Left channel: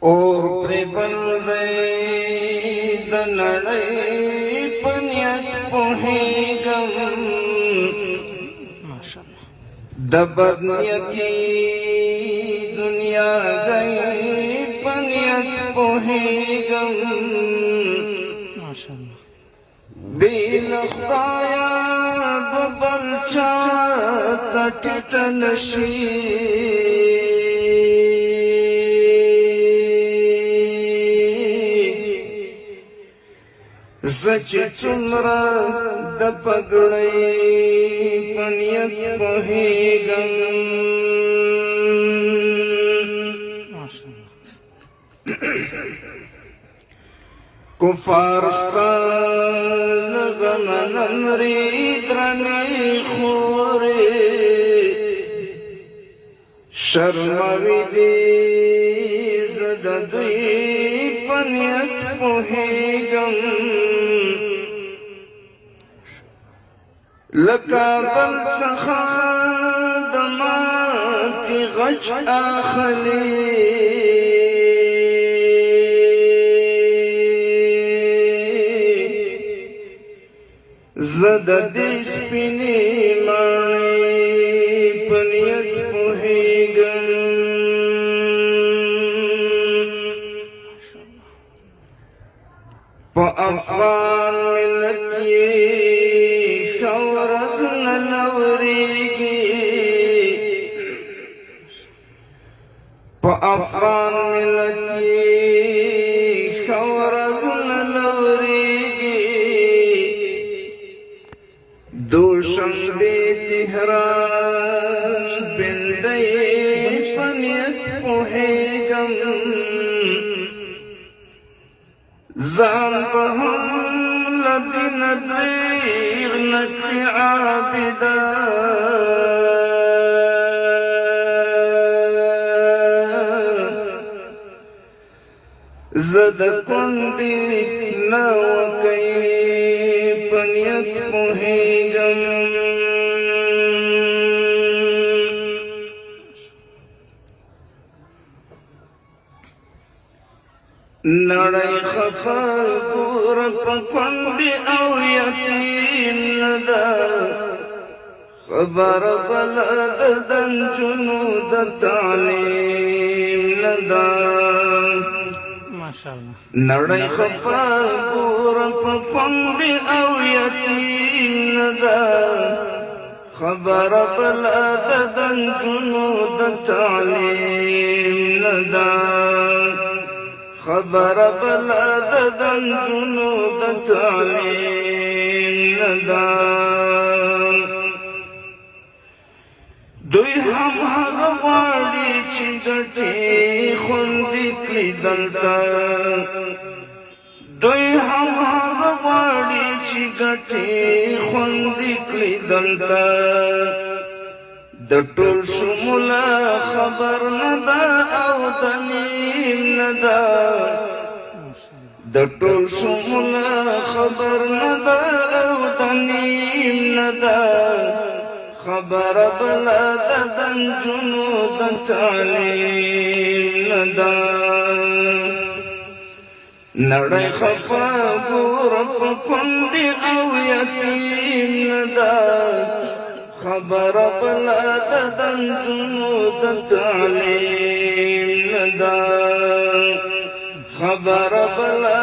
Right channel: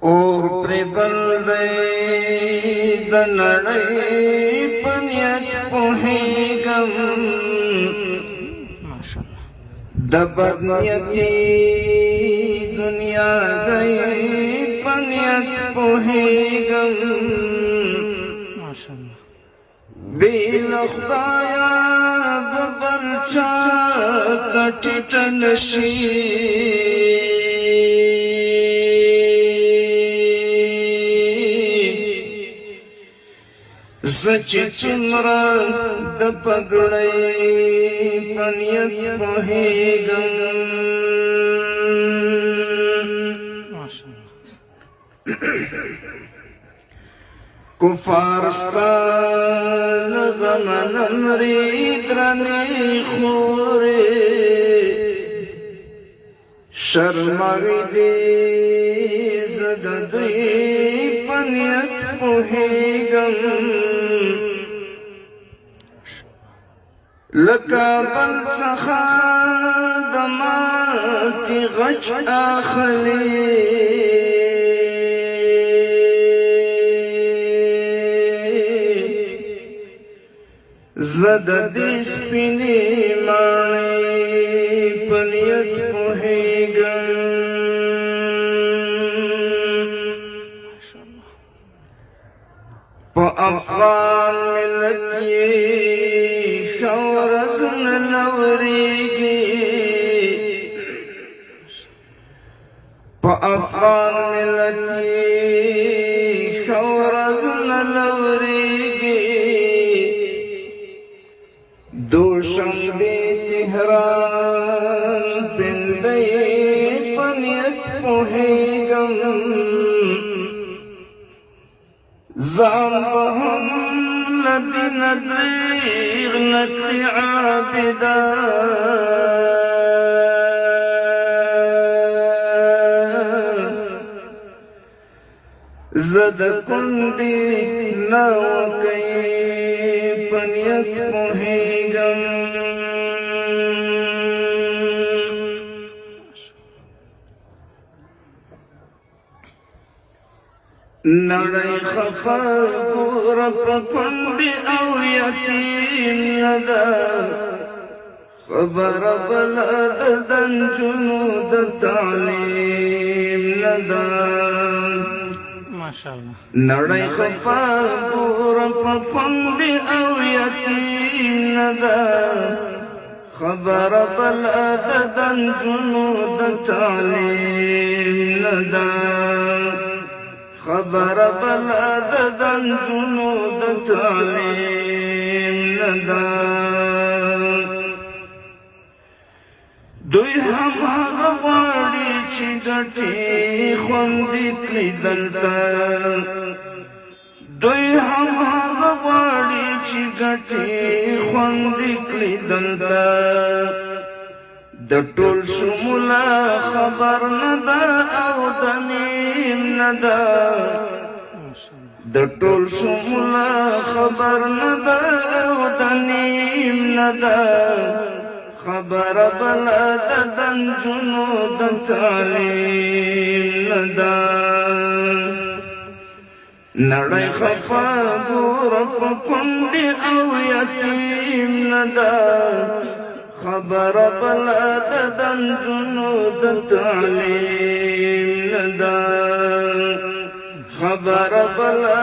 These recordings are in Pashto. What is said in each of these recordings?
اور پر بلدی د نړۍ په نیت پوهېږم د بد نیتي دنیا دی په نیت پوهېږم بې له خدایه به بل چا ته ټیټه نشي زه چې څومره د پګړۍ په نیت پوهېږم کفار ستا غمه نمرې درنې خورې شرموي دې زه د دوی په نیت پوهېږم لکه بل څخه د ماتې غچ اخلي زه د دې سپینې ماڼۍ په نیت پوهېږم په افغان ملت یې ښه ورځ نه ورېږي په افغان ملت یې ښه ورځ نه ورېږي دوشنبې تهران پنډۍ په نیت پوهېږم ځان به هم نه دي نه دریغ نه کړي عابده زه د کونډې ناوکۍ په نیت پوهېږم نړۍ خفه ګوره په کونډې او یتیم نه ده خبره بله د نجونو د تعلیم نه ده نړۍ خفه ګوره په کونډې او یتیم نه ده خبره بله د نجونو د تعلیم نه ده خبره بله د نجونو د تعلیم نه ده دوی هم هغه غواړي چې ګټې خوندي کړي دلته دوی هم هغه غواړي چې ګټې خوندي کړي دلته د ټول شموله خبر نه ده او د نیم نه ده د ټول شموله خبر نه ده او د نیم نه ده خبره بله د نجونو د تعلیم نه ده نړۍ خفه ګوره په کونډې او یتیم نه ده خبره بله د نجونو د تعلیم نه ده خبره بله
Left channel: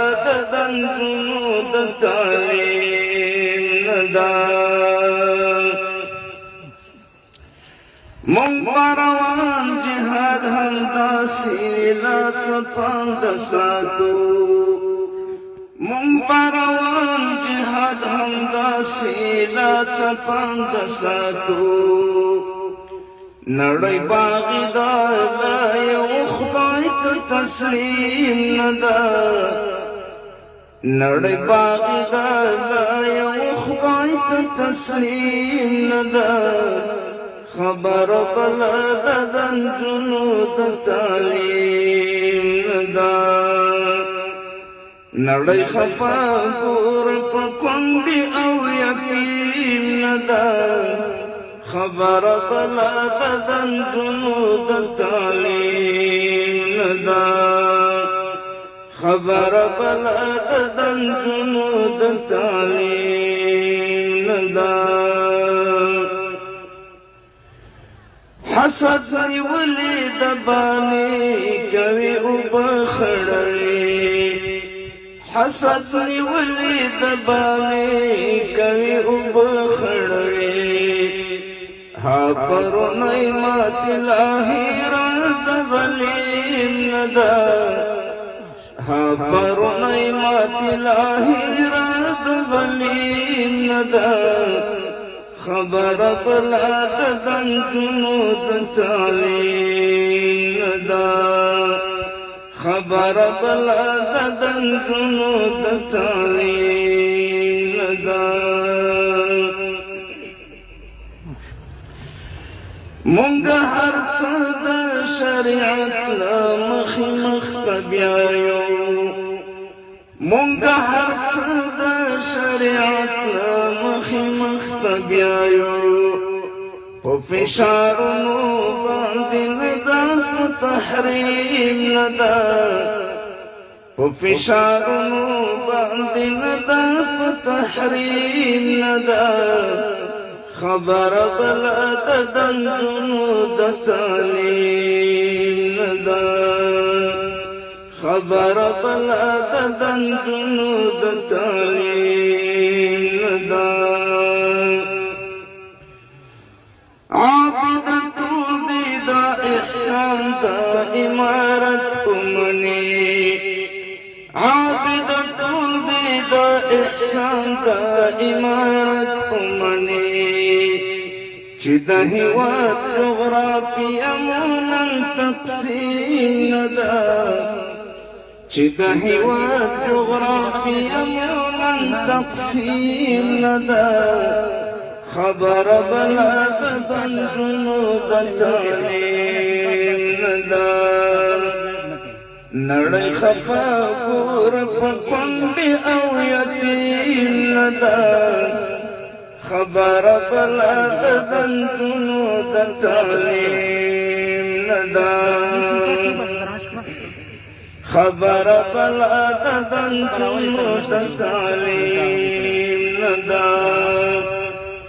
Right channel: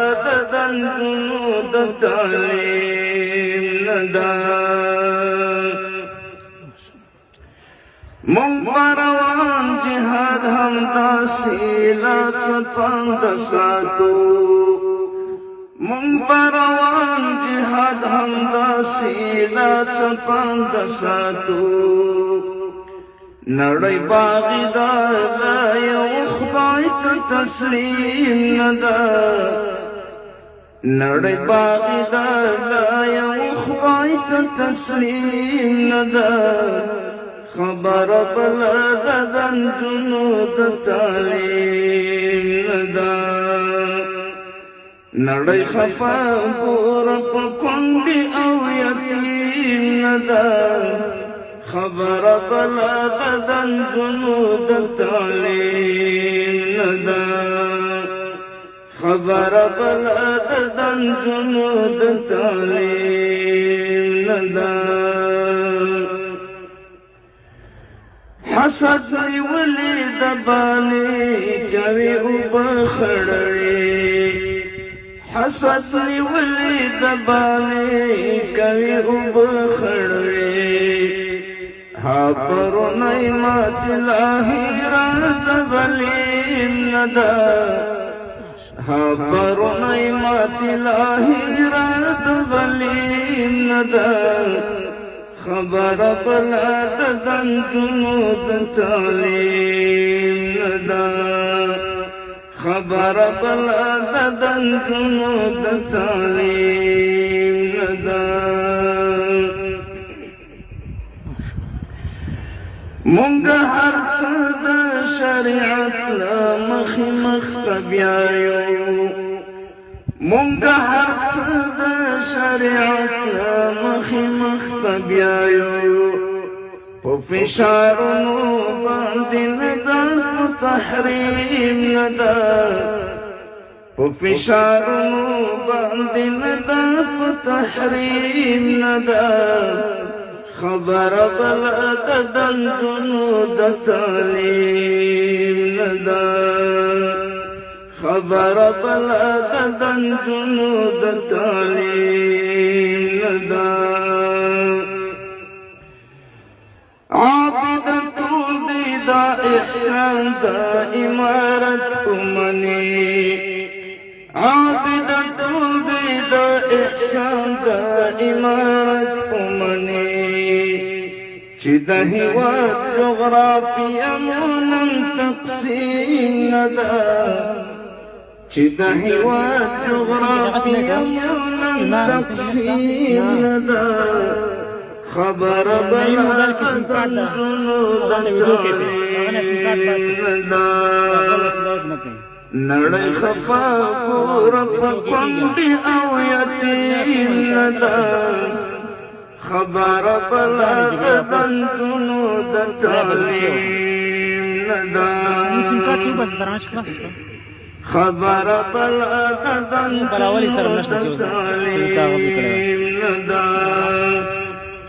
د نجونو د تعلیم نه ده مونږ به روان جهاد همداسې لا څه پانده ساتو مونږ به روان جهاد همداسې لا څه پانده ساتو نړۍ باغي ده لا یو خدای ته تسلیم نه ده نړۍ باغي ده لا یو خدای ته تسلیم نه ده خبره بله د نجونو د تعلیم نه ده نړۍ خفه ګوره په کونډې او یتیم نه ده خبره بله د نجونو د تعلیم نه ده حسد نیولی دبانی کوي اوبه خړوي حسد نیولی دبانی کوي اوبه خړوي ها پرونی مات لاهیران تغلیم ندا ها پرونی مات لاهیران تغلیم ندا خبر بلا دندنو دتالین ندا خبر بلا دندنو دتالین ندا مونږ هر څه د شریعت له مخې مخ ته بیایو مونږ هر څه د شریعت له مخې مخ ته بیایو په فشارونو باندې نه ده په تحریم نه ده په فشارونو باندې نه ده په تحریم نه ده خبر بلا دندنو د تعلیم نه ده خبر بلا دندنو د تعلیم نه ده عابدتو دی دا احسان دا امارت امنی عابدتو دی دا احسان دا امارت امنی چې د هیواد جغرافیه مونن تقسیم نه ده چې د هیواد جغرافیه مونن تقسیم نه ده خبر بلا دندنو د تعلیم نه ده نړۍ خفا کور په کونډې او یتیم نه ده خبر بلا دندنو د تعلیم نه ده خبر بلا دندنو د تعلیم نه ده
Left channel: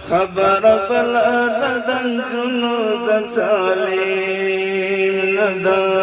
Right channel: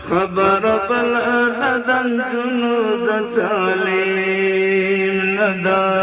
خبر بلا دندنو د تعلیم نه ده